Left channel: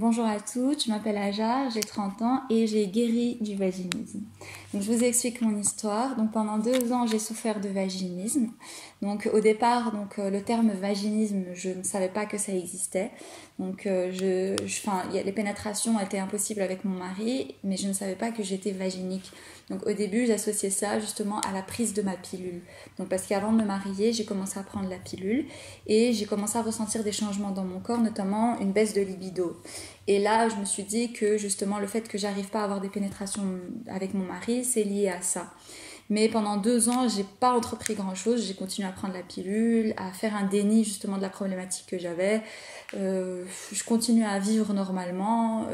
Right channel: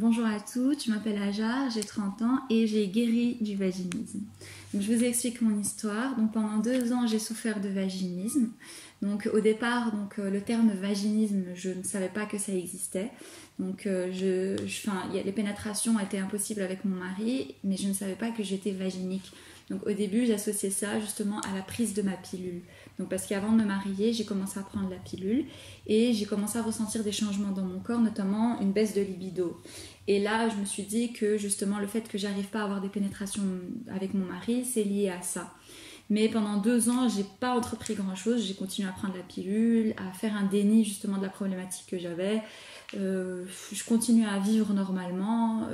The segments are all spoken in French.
Bonjour à toutes, je m'appelle Aja, j'ai 30 ans et j'ai guéri du vaginisme. Donc, je vous explique mon histoire. Donc, pendant 2 ans, j'ai souffert de vaginisme. Donc, au départ, le terme vaginisme, je ne savais pas que ça existait. Donc, les pénétrations étaient impossibles avec mon mari, mais je ne savais pas que j'étais vaginique. Donc, au début, j'associais ça justement à la prise de ma pilule. Donc, parce qu'avant de me marier, j'ai commencé à prendre la pilule et j'ai commencé à ressentir des changements dans mon corps, notamment une baisse de libido. Et là, je me suis dit que justement, le fait que j'arrive pas à avoir des pénétrations avec mon mari, c'est lié à ça. Mais pendant 2 ans, j'ai pas entrepris grand-chose. J'ai continué à prendre la pilule, à faire un déni justement de la problématique que j'avais. Je continuais à vivre normalement.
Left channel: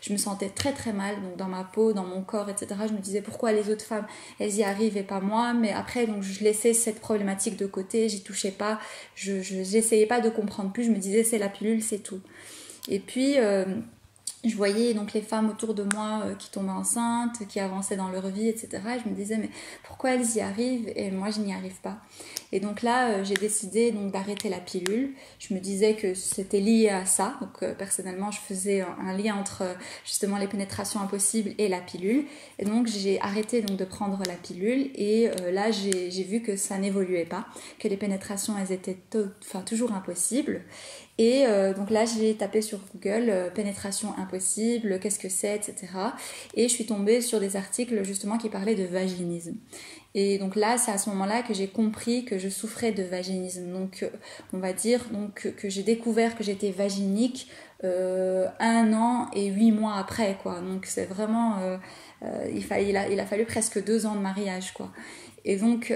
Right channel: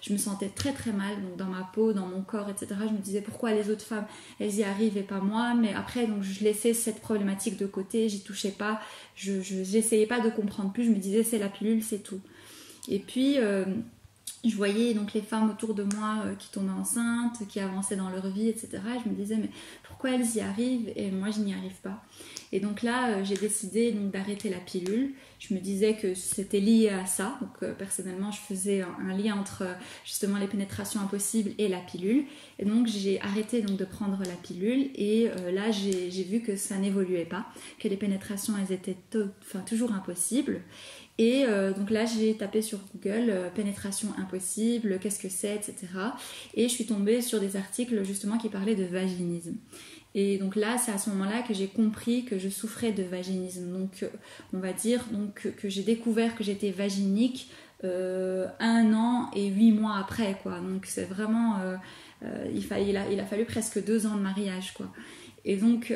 Je me sentais très très mal donc dans ma peau, dans mon corps, etc. Je me disais pourquoi les autres femmes, elles y arrivent et pas moi. Mais après, donc je laissais cette problématique de côté. J'y touchais pas. J'essayais pas de comprendre plus. Je me disais c'est la pilule, c'est tout. Et puis je voyais donc les femmes autour de moi qui tombaient enceintes, qui avançaient dans leur vie, etc. Et je me disais, mais pourquoi elles y arrivent et moi je n'y arrive pas? Et donc là, j'ai décidé donc d'arrêter la pilule. Je me disais que c'était lié à ça. Donc personnellement, je faisais un lien entre justement les pénétrations impossibles et la pilule. Et donc j'ai arrêté donc de prendre la pilule. Et là, j'ai vu que ça n'évoluait pas, que les pénétrations, elles étaient toujours impossibles. Et donc là, j'ai tapé sur Google pénétration impossible, qu'est-ce que c'est, etc. Et je suis tombée sur des articles justement qui parlaient de vaginisme. Et donc là, c'est à ce moment-là que j'ai compris que je souffrais de vaginisme. Donc on va dire donc, que j'ai découvert que j'étais vaginique 1 an et 8 mois après, quoi. Donc c'est vraiment... il a fallu presque 2 ans de mariage, quoi. Et donc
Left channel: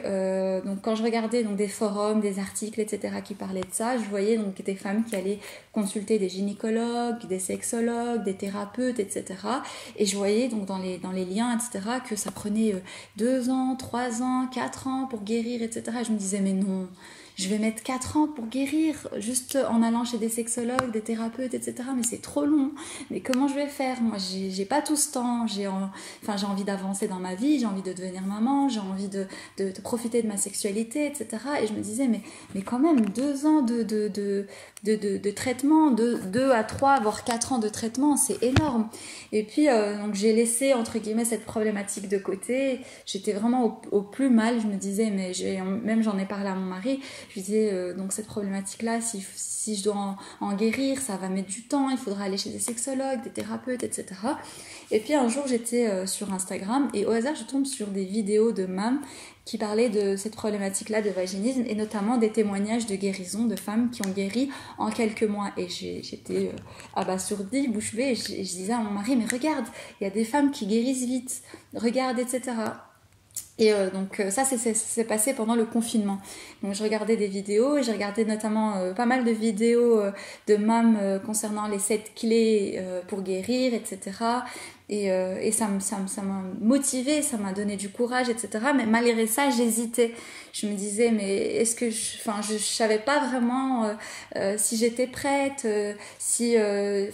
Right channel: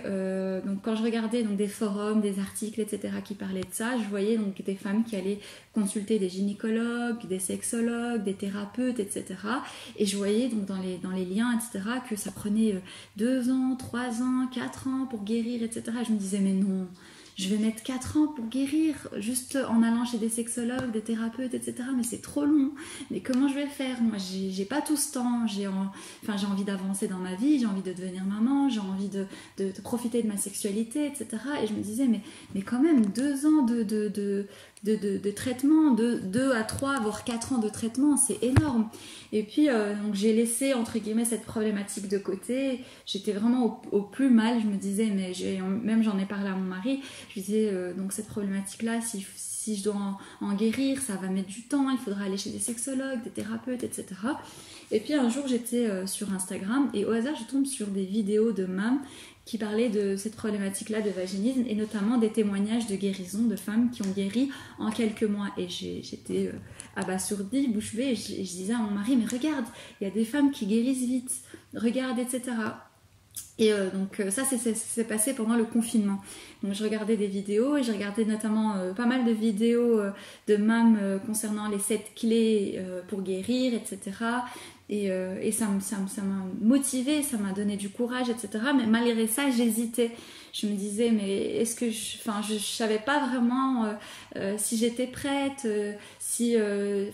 quand je regardais donc, des forums, des articles, etc. qui parlaient de ça, je voyais donc des femmes qui allaient consulter des gynécologues, des sexologues, des thérapeutes, etc. Et je voyais donc dans les liens, etc. que ça prenait 2 ans, 3 ans, 4 ans pour guérir, etc. Et je me disais mais non, je vais mettre 4 ans pour guérir juste en allant chez des sexologues, des thérapeutes, etc. Mais c'est trop long. Mais comment je vais faire? Moi, j'ai pas tout ce temps. J'ai envie d'avancer dans ma vie, j'ai envie de devenir maman, j'ai envie de profiter de ma sexualité, etc. Et je me disais, mais quand même, 2 ans de traitement, 2 à 3, voire 4 ans de traitement, c'est énorme. Et puis, donc j'ai laissé, entre guillemets, cette problématique de côté. J'étais vraiment au plus mal. Je me disais, mais même j'en ai parlé à mon mari, je lui disais, donc cette problématique-là, si je dois en guérir, ça va mettre du temps, il faudra aller chez des sexologues, des thérapeutes, etc. Et puis un jour, j'étais sur Instagram et au hasard, je tombe sur des vidéos de mômes qui parlaient de cette problématique-là de vaginisme et notamment des témoignages de guérison de femmes qui ont guéri en quelques mois. Et j'étais abasourdie, bouche bée, et je disais à mon mari, mais regarde, il y a des femmes qui guérissent vite, regarde, etc. Et donc ça c'est passé pendant le confinement. Donc je regardais des vidéos et j'ai regardé notamment pas mal de vidéos de mômes concernant les 7 clés pour guérir, etc. Et ça m'a motivée, ça m'a donné du courage, etc. Mais malgré ça, j'hésitais. Je me disais, mais est-ce que je savais pas vraiment si j'étais prête, j'avais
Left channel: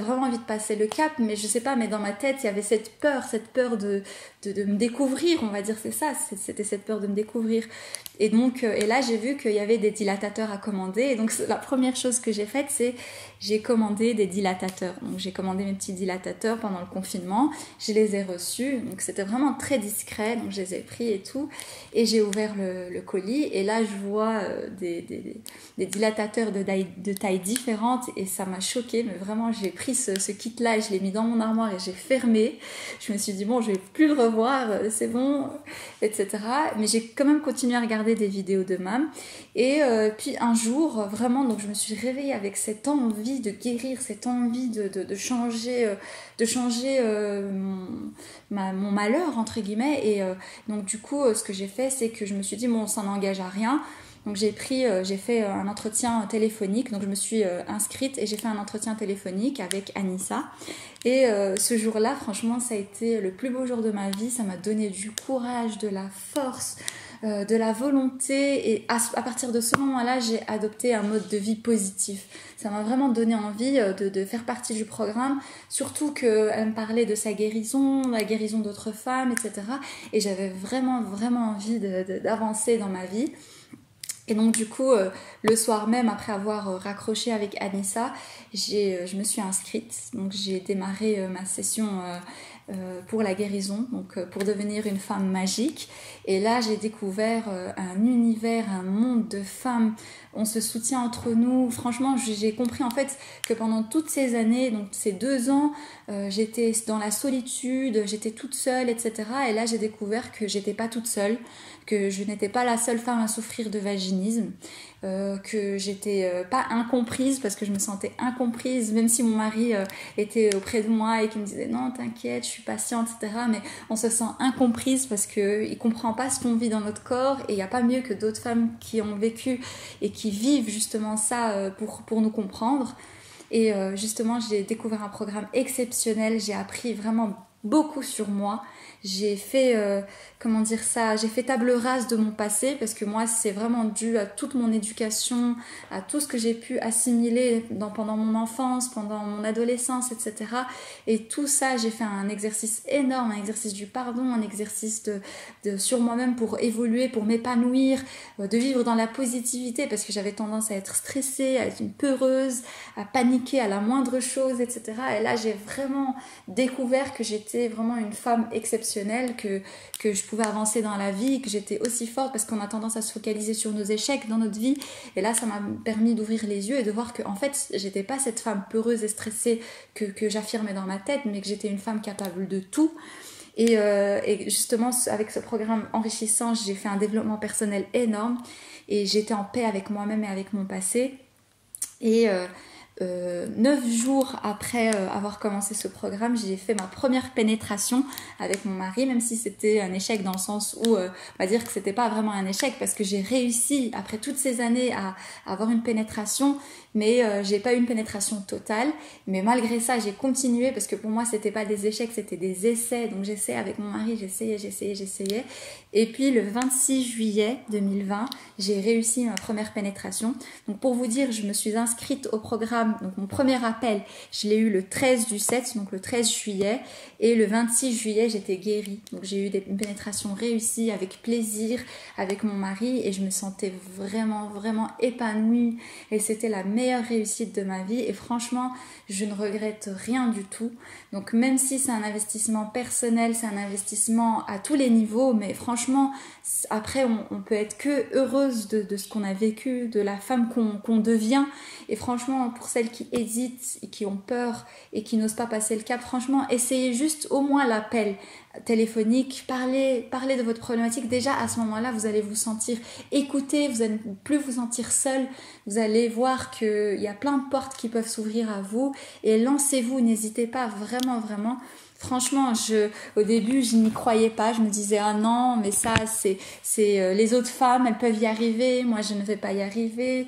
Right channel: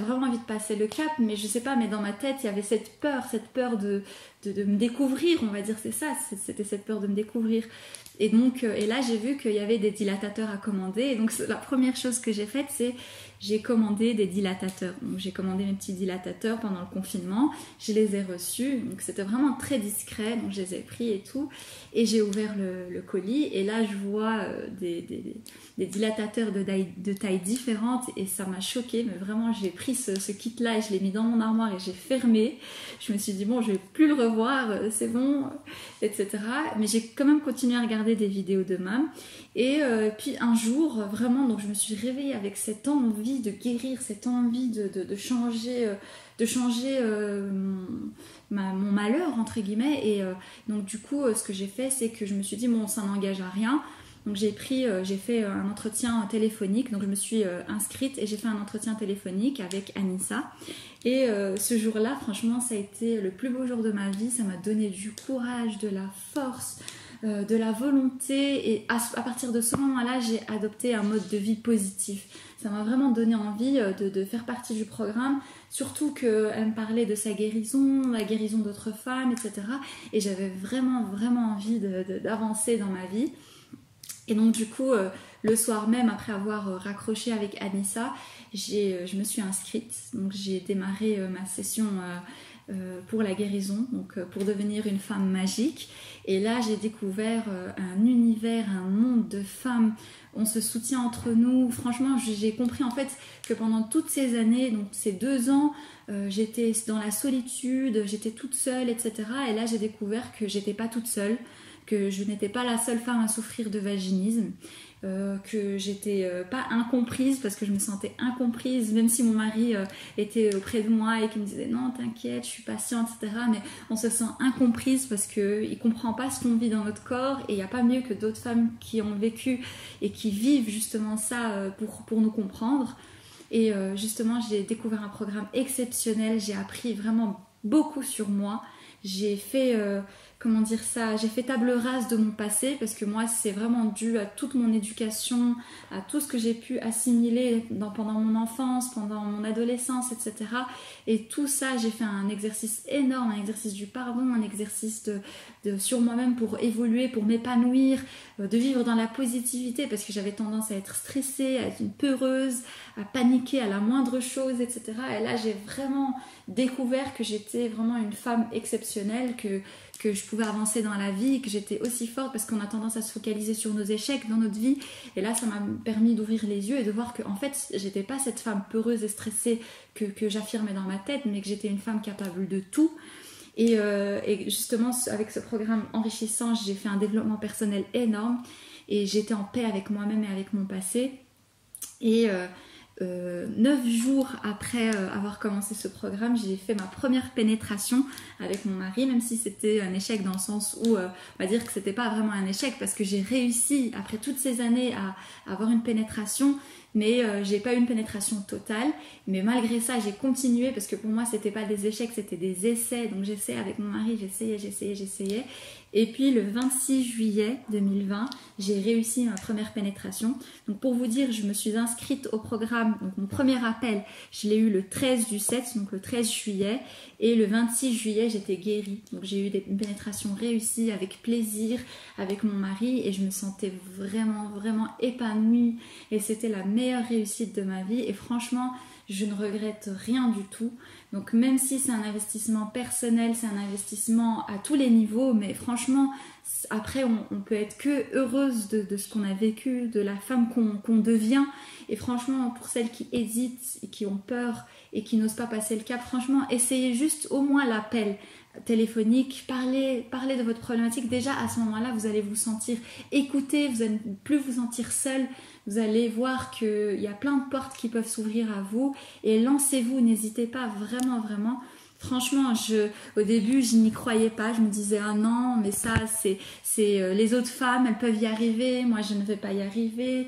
vraiment envie de passer le cap, mais je sais pas, mais dans ma tête, il y avait cette peur de me découvrir, on va dire, c'est ça, c'était cette peur de me découvrir. Et donc, et là, j'ai vu qu'il y avait des dilatateurs à commander. Et donc, la première chose que j'ai faite, c'est j'ai commandé des dilatateurs. Donc, j'ai commandé mes petits dilatateurs pendant le confinement. Je les ai reçus. Donc, c'était vraiment très discret. Donc, je les ai pris et tout. Et j'ai ouvert le colis. Et là, je vois des dilatateurs de tailles différentes. Et ça m'a choquée. Mais vraiment, j'ai pris ce kit-là et je l'ai mis dans mon armoire et j'ai fermé. Je me suis dit, bon, je vais plus le revoir. C'est bon, etc. Mais j'ai quand même continué à regarder des vidéos de mômes. Et puis un jour, vraiment, donc je me suis réveillée avec cette envie de guérir, cette envie de changer, mon malheur, entre guillemets. Et donc du coup, ce que j'ai fait, c'est que je me suis dit, bon, ça n'engage à rien. Donc j'ai fait un entretien téléphonique, donc je me suis inscrite et j'ai fait un entretien téléphonique avec Anissa. Et ce jour-là, franchement, ça a été le plus beau jour de ma vie. Ça m'a donné du courage, de la force, de la volonté. Et à partir de ce moment-là, j'ai adopté un mode de vie positif. Ça m'a vraiment donné envie de faire partie du programme. Surtout qu'elle me parlait de sa guérison, la guérison d'autres femmes, etc. Et j'avais vraiment, vraiment envie d'avancer dans ma vie. Et donc du coup, le soir même, après avoir raccroché avec Anissa, je me suis inscrite. Donc j'ai démarré ma session pour la guérison, donc pour devenir une femme magique. Et là, j'ai découvert un univers, un monde de femmes. On se soutient entre nous. Franchement, j'ai compris en fait que pendant toutes ces années, donc ces 2 ans, j'étais dans la solitude, j'étais toute seule, etc. Et là, j'ai découvert que j'étais pas toute seule, que je n'étais pas la seule femme à souffrir de vaginisme, que j'étais pas incomprise, parce que je me sentais incomprise, même si mon mari était auprès de moi et qui me disait non t'inquiète, je suis patiente, etc. Mais on se sent incomprise parce qu'il comprend pas ce qu'on vit dans notre corps, et il n'y a pas mieux que d'autres femmes qui ont vécu et qui vivent justement ça pour nous comprendre. Et justement, j'ai découvert un programme exceptionnel, j'ai appris vraiment beaucoup sur moi. J'ai fait, j'ai fait table rase de mon passé, parce que moi, c'est vraiment dû à toute mon éducation, à tout ce que j'ai pu assimiler pendant mon enfance, pendant mon adolescence, etc. Et tout ça, j'ai fait un exercice énorme, un exercice du pardon, un exercice sur moi-même pour évoluer, pour m'épanouir, de vivre dans la positivité, parce que j'avais tendance à être stressée, à être une peureuse, à paniquer à la moindre chose, etc. Et là, j'ai vraiment découvert que j'étais vraiment une femme exceptionnelle, que je pouvais avancer dans la vie, que j'étais aussi forte, parce qu'on a tendance à se focaliser sur nos échecs dans notre vie. Et là, ça m'a permis d'ouvrir les yeux et de voir que en fait, j'étais pas cette femme peureuse et stressée que j'affirmais dans ma tête, mais que j'étais une femme capable de tout. Et justement, avec ce programme enrichissant, j'ai fait un développement personnel énorme, et j'étais en paix avec moi-même et avec mon passé. Et 9 jours après avoir commencé ce programme, j'ai fait ma première pénétration avec mon mari, même si c'était un échec dans le sens où on va dire que c'était pas vraiment un échec, parce que j'ai réussi après toutes ces années à avoir une pénétration, mais j'ai pas eu une pénétration totale. Mais malgré ça, j'ai continué, parce que pour moi c'était pas des échecs, c'était des essais. Donc j'essayais avec mon mari, j'essayais. Et puis le 26 juillet 2020, j'ai réussi ma première pénétration. Donc pour vous dire, je me suis inscrite au programme. Donc mon premier appel, je l'ai eu le 13 du 7, donc le 13 juillet. Et le 26 juillet, j'étais guérie. Donc j'ai eu une pénétration réussie, avec plaisir, avec mon mari. Et je me sentais vraiment, vraiment épanouie. Et c'était la meilleure réussite de ma vie. Et franchement, je ne regrette rien du tout. Donc même si c'est un investissement personnel, c'est un investissement à tous les niveaux, mais franchement, après on peut être que heureuse de ce qu'on a vécu, de la femme qu'on devient. Et franchement, pour celles qui hésitent, qui ont peur et qui n'osent pas passer le cap, franchement, essayez juste au moins l'appel téléphonique, parlez de votre problématique. Déjà à ce moment-là, vous allez vous sentir écouté, vous n'allez plus vous sentir seul, vous allez voir qu'il y a plein de portes qui peuvent s'ouvrir à vous, et lancez-vous, n'hésitez pas, vraiment, vraiment. Franchement, au début, je n'y croyais pas, je me disais ah non, mais ça c'est les autres femmes, elles peuvent y arriver, moi je ne vais pas y arriver.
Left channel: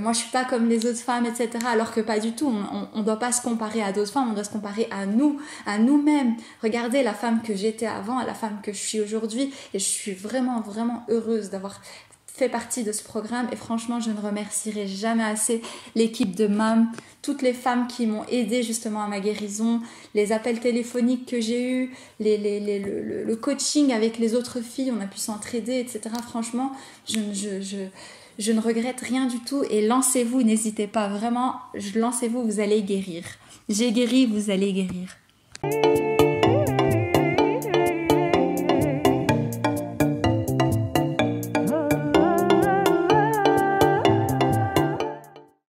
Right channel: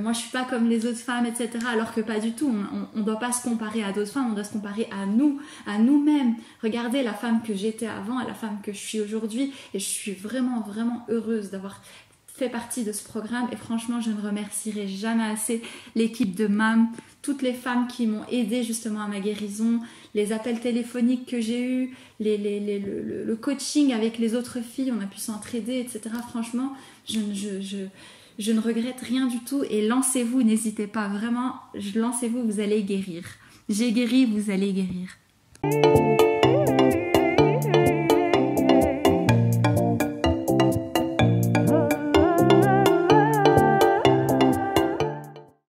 Moi je suis pas comme les autres femmes, etc. Alors que pas du tout, on doit pas se comparer à d'autres femmes, on doit se comparer à nous-mêmes. Regardez la femme que j'étais avant et la femme que je suis aujourd'hui, et je suis vraiment, vraiment heureuse d'avoir fait partie de ce programme. Et franchement, je ne remercierai jamais assez l'équipe de MAM, toutes les femmes qui m'ont aidée justement à ma guérison, les appels téléphoniques que j'ai eus, le coaching avec les autres filles, on a pu s'entraider, etc. Franchement, je ne regrette rien du tout, et lancez-vous, n'hésitez pas, vraiment, lancez-vous, vous allez guérir. J'ai guéri, vous allez guérir.